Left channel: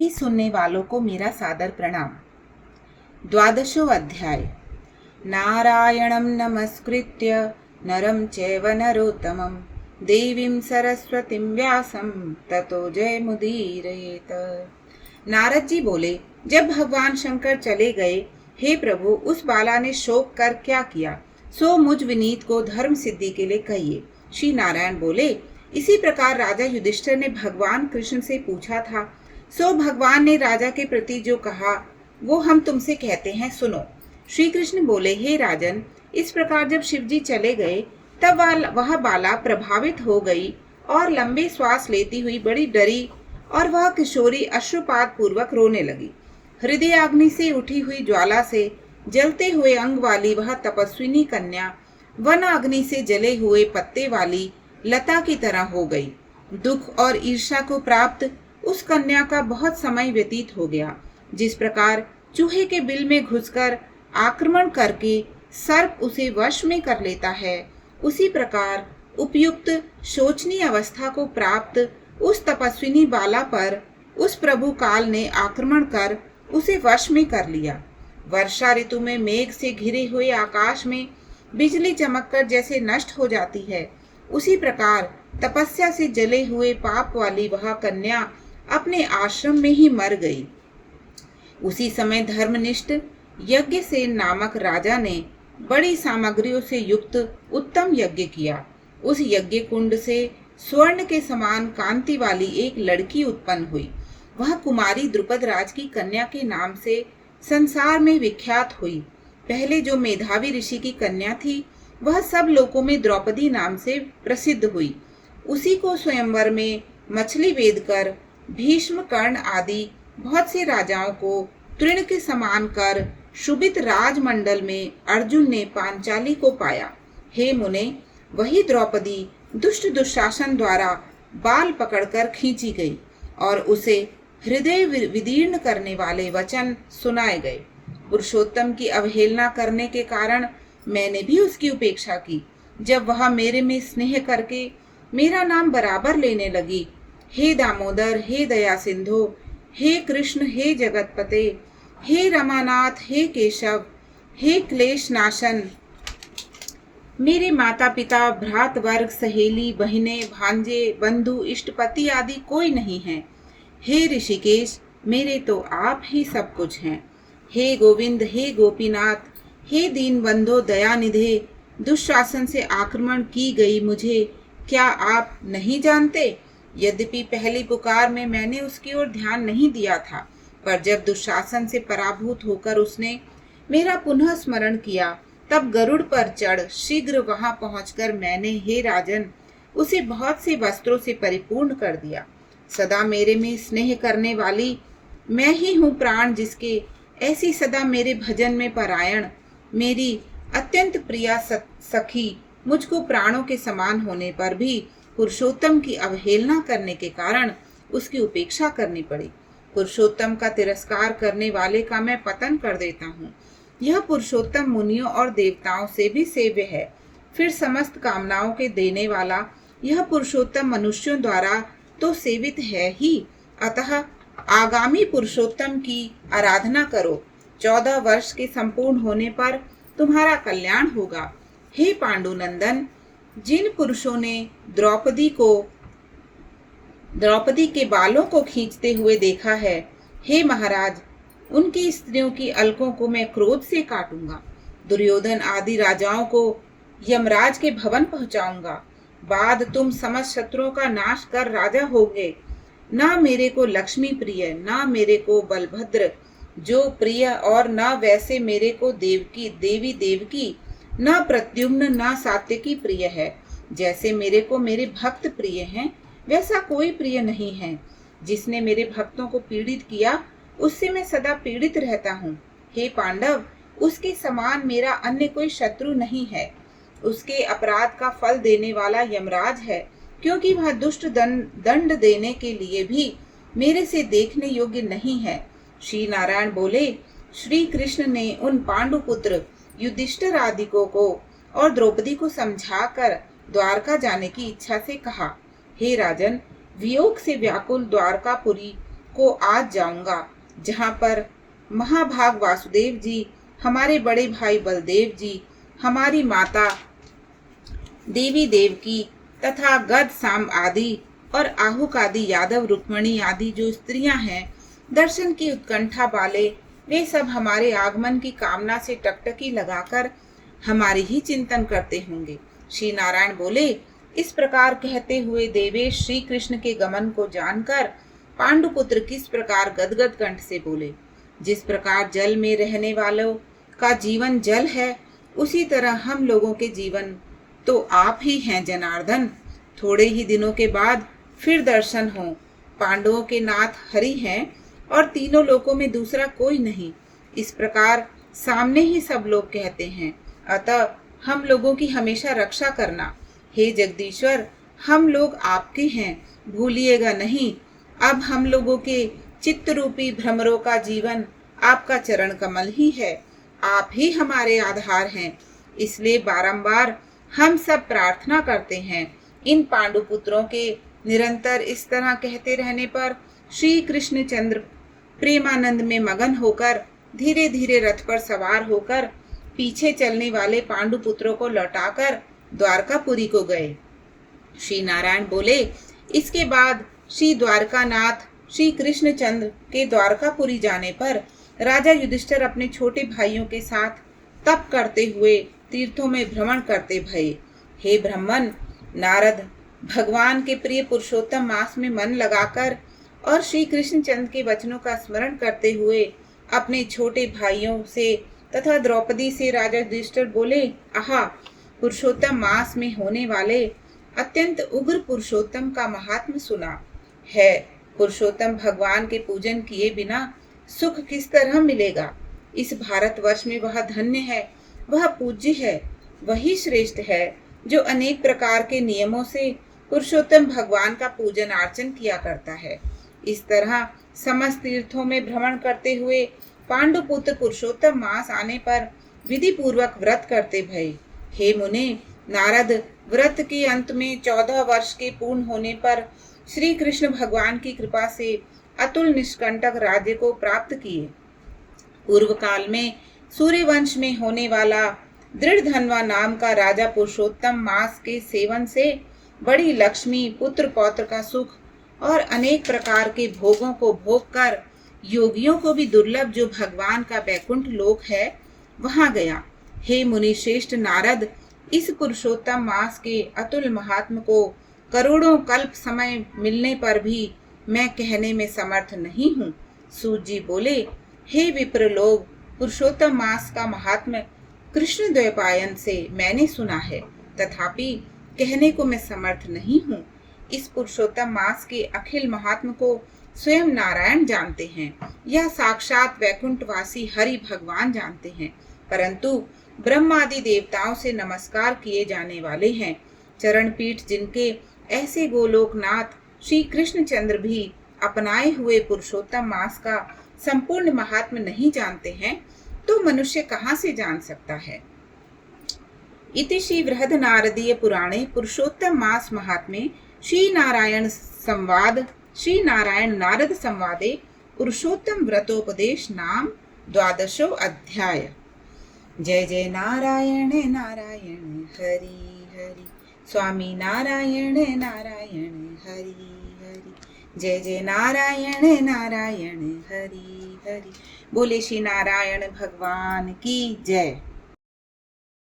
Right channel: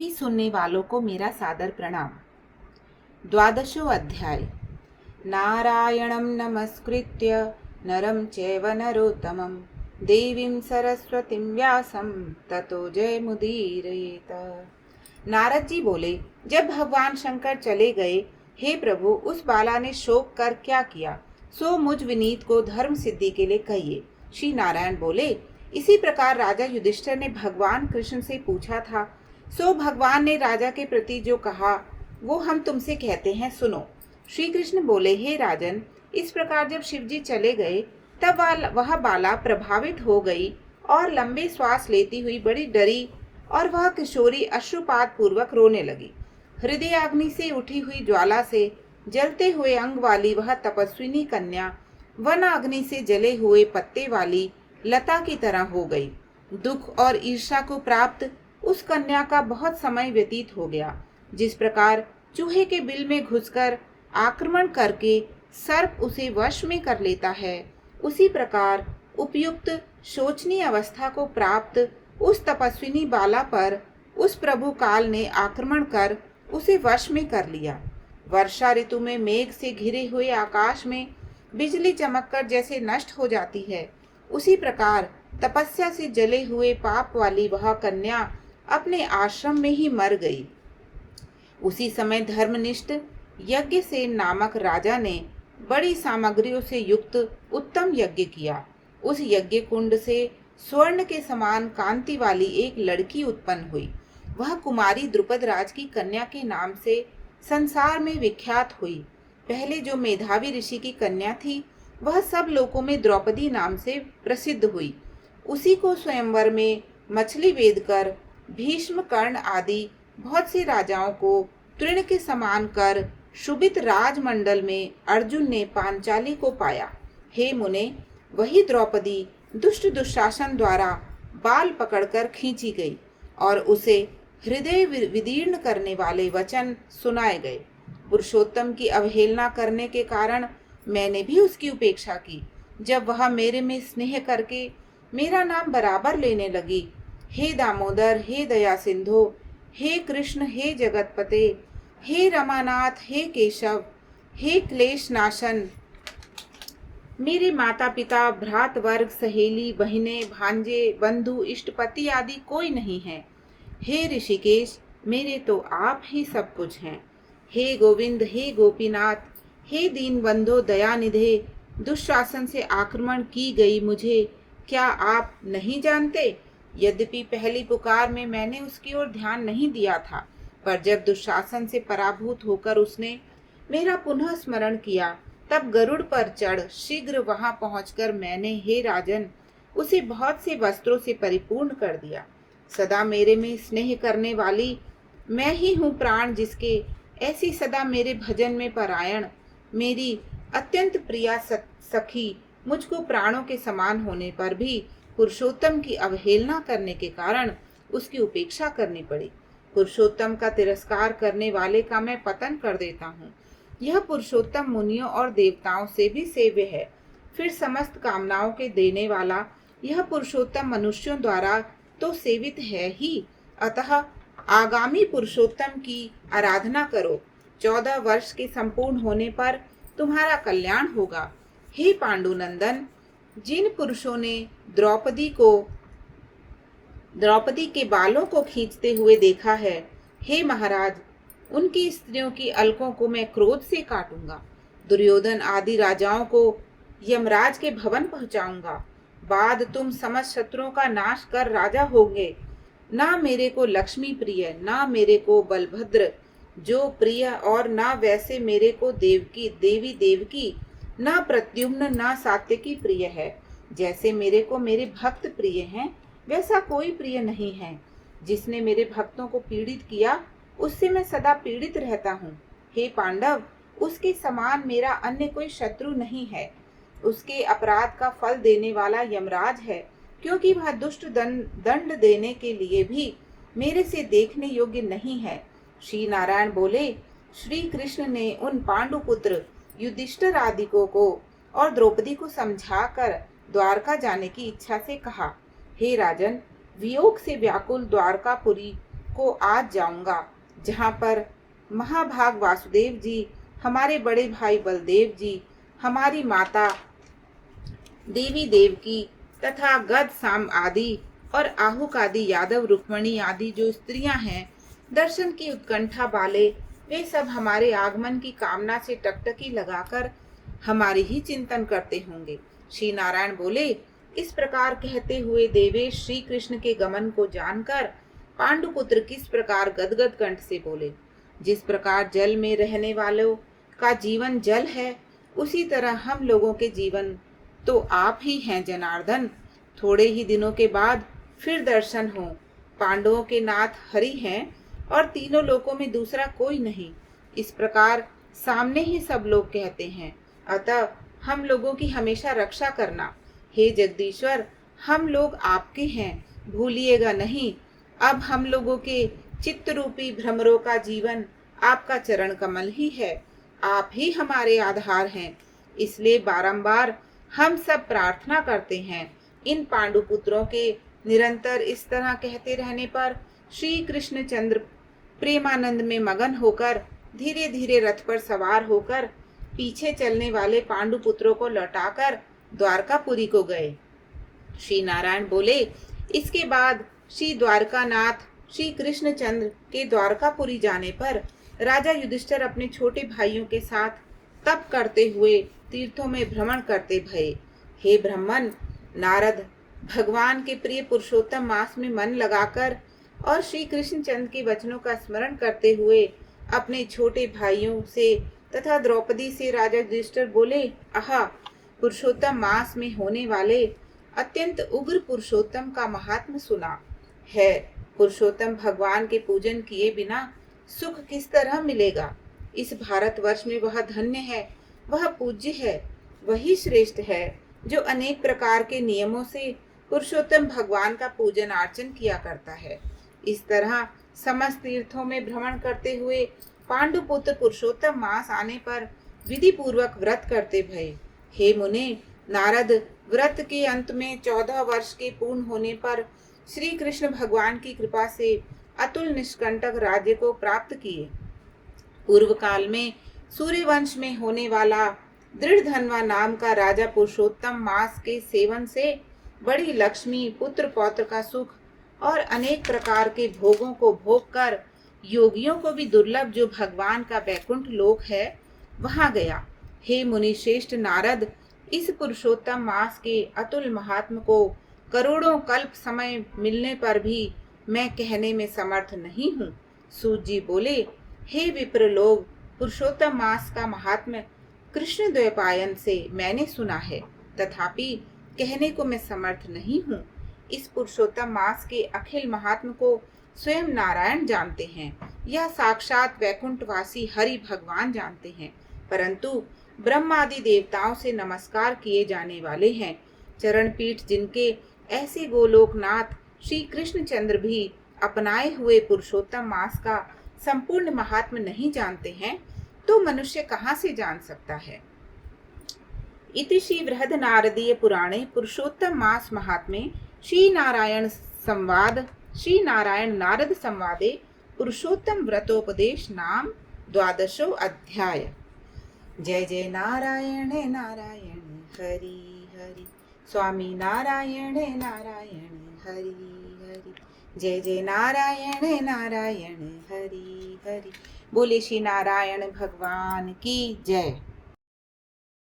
सुनने वालों को मेरा सादर प्रणाम। द्वादशो अध्याय। नारायणं नमस्कृत्य नरं चैव नरोत्तमं देवीं सरस्वतीं व्यासं ततो जयमुदीरयेत। नारद जी बोले, जब भगवान शंकर चले गए, हे प्रभु, उस बाला ने शोक कर क्या किया, सो मुझ विनीत को धर्म सिद्धि के लिए कहिए। श्री नारायण बोले, इसी प्रकार राजा युधिष्ठिर ने भगवान कृष्ण से पूछा था, सो भगवान ने राजा के प्रति जो कहा वो हम तुमसे कहते हैं, सुनो। श्री कृष्ण बोले, हे राजन, इस प्रकार जब शिव जी चले गए तब वह बाला प्रभावित हो गई और लंबे श्वास लेती हुई बड़ी डरी और वह किशोरी अश्रुपात पूर्वक रोने लगी। हृदय अग्नि से उठी हुई ज्वाला से जलते हुए अंग वाली वह तपस्विनी कन्या वन अग्नि से जले हुए पत्ते वाली लता की तरह हो गई। दुख और ईर्ष्या को प्राप्त उस कन्या का बहुत समय व्यतीत हो गया। जिस प्रकार चूहे के बिल में घुसकर आक्रमण करके सर्प उसे वश में कर लेता है, उसी प्रकार उपयुक्त शोचनीय अवस्था को प्राप्त उस तपस्विनी बाला पर उस प्रभु काल ने आक्रमण कर उसे वश में कर लिया। वर्षा ऋतु में मेघ से घिरे हुए आकाश में बिजली चमककर जैसे नष्ट हो जाती है, उसी प्रकार तपस्या से जले हुए पाप वाली वह कन्या अपने आश्रम में ही मर गई। उसी समय धर्मनिष्ठ यज्ञसेन नामक राजा ने बड़ी सामग्रियों से युक्त उत्तम यज्ञ किया। उस यज्ञ कुंड से स्वर्ण के समान कांति वाली एक लड़की उत्पन्न हुई। वह कुमारी द्रुपद राज की कन्या के नाम से संसार में विख्यात हुई। पहले जो मेधावी ऋषि की कन्या थी, वह सब लोकों में द्रौपदी नाम से प्रसिद्ध हुई। उसी को स्वयंवर में मछली वेद कर भीष्म, कर्ण आदि बहुत से राजाओं को तृण के समान कर शुभित राजमंडल में अर्जुन ने पांचाली को पाया। हे मुने, वही द्रौपदी दुष्ट दुशासन द्वारा बाल पकड़कर खींची गई और उसे हृदय विदीर्ण करने वाले वचन सुनाए गए। पुरुषोत्तम की अवहेलना करने के कारण मैंने भी उसकी उपेक्षा की। जब वह मेरे में स्नेह करके मेरा नाम बराबर लेने लगी, हे दामोदर, हे दया सिंधु, हे कृष्ण, हे जगतपते, हे रमानाथ, हे केशव, हे क्लेश नाशन, मेरे माता पिता, भ्रात वर्ग, सहेली, बहनें, भांजे, बंधु, इष्टपति आदि कोई नहीं है। हे ऋषिकेश, मेरे तो आप ही सब कुछ हैं। हे गोविंद, हे गोपीनाथ, हे दीन बंधो दयानिधे, दुशासन से आक्रमण की गई मुझे क्या आप नहीं जानते? यद्यपि पहली पुकार में मैंने उसकी ओर ध्यान नहीं दिया था, पर जब दुशासन से पराभूत होकर उसने मेरा पुनः स्मरण किया, तब गरुड़ पर चढ़ शीघ्र वहां पहुंचकर मैंने, हे राजन, उसे बहुत से वस्त्रों से परिपूर्ण कर दिया। सदा मेरे में स्नेह करने वाली मैं ही हूँ प्राण जिसके, ऐसी सदा मेरे भजन में परायण मेरी अत्यंत प्रिया सखी मुझको प्राणों के समान होने पर भी पुरुषोत्तम की अवहेलना करने के कारण उसकी उपेक्षा करनी पड़ी। पुरुषोत्तम का तिरस्कार करने वाले का मैं पतन कर देता हूँ। यह पुरुषोत्तम मुनियों और देवताओं से भी सेव्य है। फिर समस्त कामनाओं के देने वाला यह पुरुषोत्तम मनुष्यों द्वारा तो सेवित है ही। अतः आगामी पुरुषोत्तम की आराधना करो। 14 वर्ष के संपूर्ण होने पर तुम्हारा कल्याण होगा। हे पांडुनंदन, जिन पुरुषों ने द्रौपदी के बालों को खींचते हुए देखा है, हे महाराज, उनकी स्त्रियों की अलकों को मैं क्रोध से काटूंगा। दुर्योधन आदि राजाओं को यमराज के भवन पहुंचाऊंगा। बाद तुम समस्त शत्रुओं का नाश कर राजा होगे। ना मेरे को लक्ष्मी प्रिय, ना मेरे को बलभद्र जो प्रिय, और ना वैसे मेरे को देवी देवकी, ना प्रद्युम्न, ना सात्यकी प्रिय है। जैसे मेरे को मेरे भक्त प्रिय हैं, वैसा कोई प्रिय नहीं है। जिसने मेरे भक्तों को पीड़ित किया, उससे मैं सदा पीड़ित रहता हूँ। हे पांडव, उसके समान मेरा अन्य कोई शत्रु नहीं है। उसके अपराध का फल देने वाला यमराज है, क्योंकि वह दुष्ट दंड देने के लिए भी मेरे से देखने योग्य नहीं है। श्री नारायण बोले, श्री कृष्ण ने उन पांडुपुत्र युधिष्ठिर आदिकों को और द्रौपदी को समझाकर द्वारका जाने की इच्छा से कहा। हे राजन, वियोग से व्याकुल द्वारकापुरी को आज जाऊंगा, जहाँ पर महाभाग वासुदेव जी, हमारे बड़े भाई बलदेव जी, हमारी माता देवी देवकी तथा गद साम आदि और आहुक आदि यादव रुक्मणी आदि जो स्त्रियां हैं, दर्शन की उत्कंठा वाले, वे सब हमारे आगमन की कामना से टकटकी लगाकर हमारी ही चिंतन करते होंगे। श्री नारायण बोले। इस प्रकार कहते हुए देवेश श्री कृष्ण के गमन को जानकर पांडुपुत्र किस प्रकार गदगद कंठ से बोले, जिस प्रकार जल में रहने वालों का जीवन जल है, उसी तरह हम लोगों के जीवन तो आप ही हैं जनार्दन। थोड़े ही दिनों के बाद फिर दर्शन हो। पांडवों के नाथ हरि हैं और तीनों लोकों में दूसरा कोई नहीं, इस प्रकार सामने ही सब लोग कहते हैं। अतः हम लोगों की हमेशा रक्षा करना। हे जगदीश्वर, हम लोग आपके हैं, भूलिएगा नहीं। अब हम लोगों के चित्त रूपी भ्रमरों का जीवन आपका चरण कमल ही है, आप ही हमारे आधार हैं। इसलिए बारंबार हम सब प्रार्थना करते हैं। इन पांडुपुत्रों के निरंतर इस तरह कहते रहने पर श्री कृष्णचंद्र प्रेमानंद में मगन होकर धीरे धीरे रथ पर सवार होकर पीछे चलने वाले पांडुपुत्रों को लौटाकर द्वारकापुरी को गए। श्री नारायण बोले। इसके बाद श्री द्वारकानाथ श्री कृष्णचंद्र के द्वारकापुरी जाने पर राजा युधिष्ठिर अपने छोटे भाइयों के साथ तप करते हुए तीर्थों में भ्रमण करते भये। हे ब्राह्मण, नारद भगवान के प्रिय पुरुषोत्तम मास में मन लगाकर और श्री कृष्णचंद्र के वचनों का स्मरण करते हुए अपने छोटे भाइयों से तथा द्रौपदी से राजा युधिष्ठिर बोले, आहा, पुरुषोत्तम मास में होने वाले अत्यंत उग्र पुरुषोत्तम का महात्म सुना है। पुरुषोत्तम भगवान के पूजन किए बिना सुख किस तरह मिलेगा। इस भारतवर्ष में वह धन्य है, वह पूज्य है, वही श्रेष्ठ है जो अनेक प्रकार के नियमों से पुरुषोत्तम भगवान का पूजन अर्चन किया करता है। इस तरह समस्त तीर्थों में भ्रमण करते हुए पांडुपुत्र पुरुषोत्तम मास आने पर विधि पूर्वक व्रत करते भये। हे मुने, नारद व्रत के अंत में 14 वर्ष के पूर्ण होने पर श्री कृष्ण भगवान की कृपा से अतुल निष्कंटक राज्य को प्राप्त किए। पूर्व काल में सूर्यवंश में होने वाला दृढ़धन्वा नाम का राजा पुरुषोत्तम मास के सेवन से बड़ी लक्ष्मी, पुत्र पौत्र का सुख और अनेक प्रकार के भोगों को भोग कर योगियों को भी दुर्लभ जो भगवान का वैकुंठ लोक है, वहां गया। हे मुनि श्रेष्ठ नारद, इस पुरुषोत्तम मास के अतुल महात्म को करोड़ों कल्प समय मिलने पर भी मैं कहने में समर्थ नहीं हूँ। सूत जी बोले, हे विप्र लोग, पुरुषोत्तम मास का महात्म्य कृष्ण द्वैपायन से मैंने सुना है, तथापि कहने को मैं समर्थ नहीं हूँ। इस पुरुषोत्तम मास के अखिल महात्म को स्वयं नारायण जानते हैं या साक्षात वैकुंठवासी हरि भगवान जानते हैं, परंतु ब्रह्मादि देवताओं से नमस्कार किए जाने वाले हैं। चरण पीठ जिनके ऐसे गोलोकनाथ श्री कृष्णचंद्र भी अपनाए हुए पुरुषोत्तम मास का संपूर्ण महात्म नहीं जानते हैं, तो मनुष्य कहाँ से जान सकता है। इति श्री बृहद नारदीय पुराणे पुरुषोत्तम मास महात्म्ये श्री नारायण नारद संवादे पुरुषोत्तम व्रतोपदेश नाम 12वां अध्याय। जय जय नारायण नारायण हरि हरि, स्वामी नारायण नारायण हरि हरि, जय जय नारायण नारायण हरि हरि। बोले श्री नारायण भगवान की जय।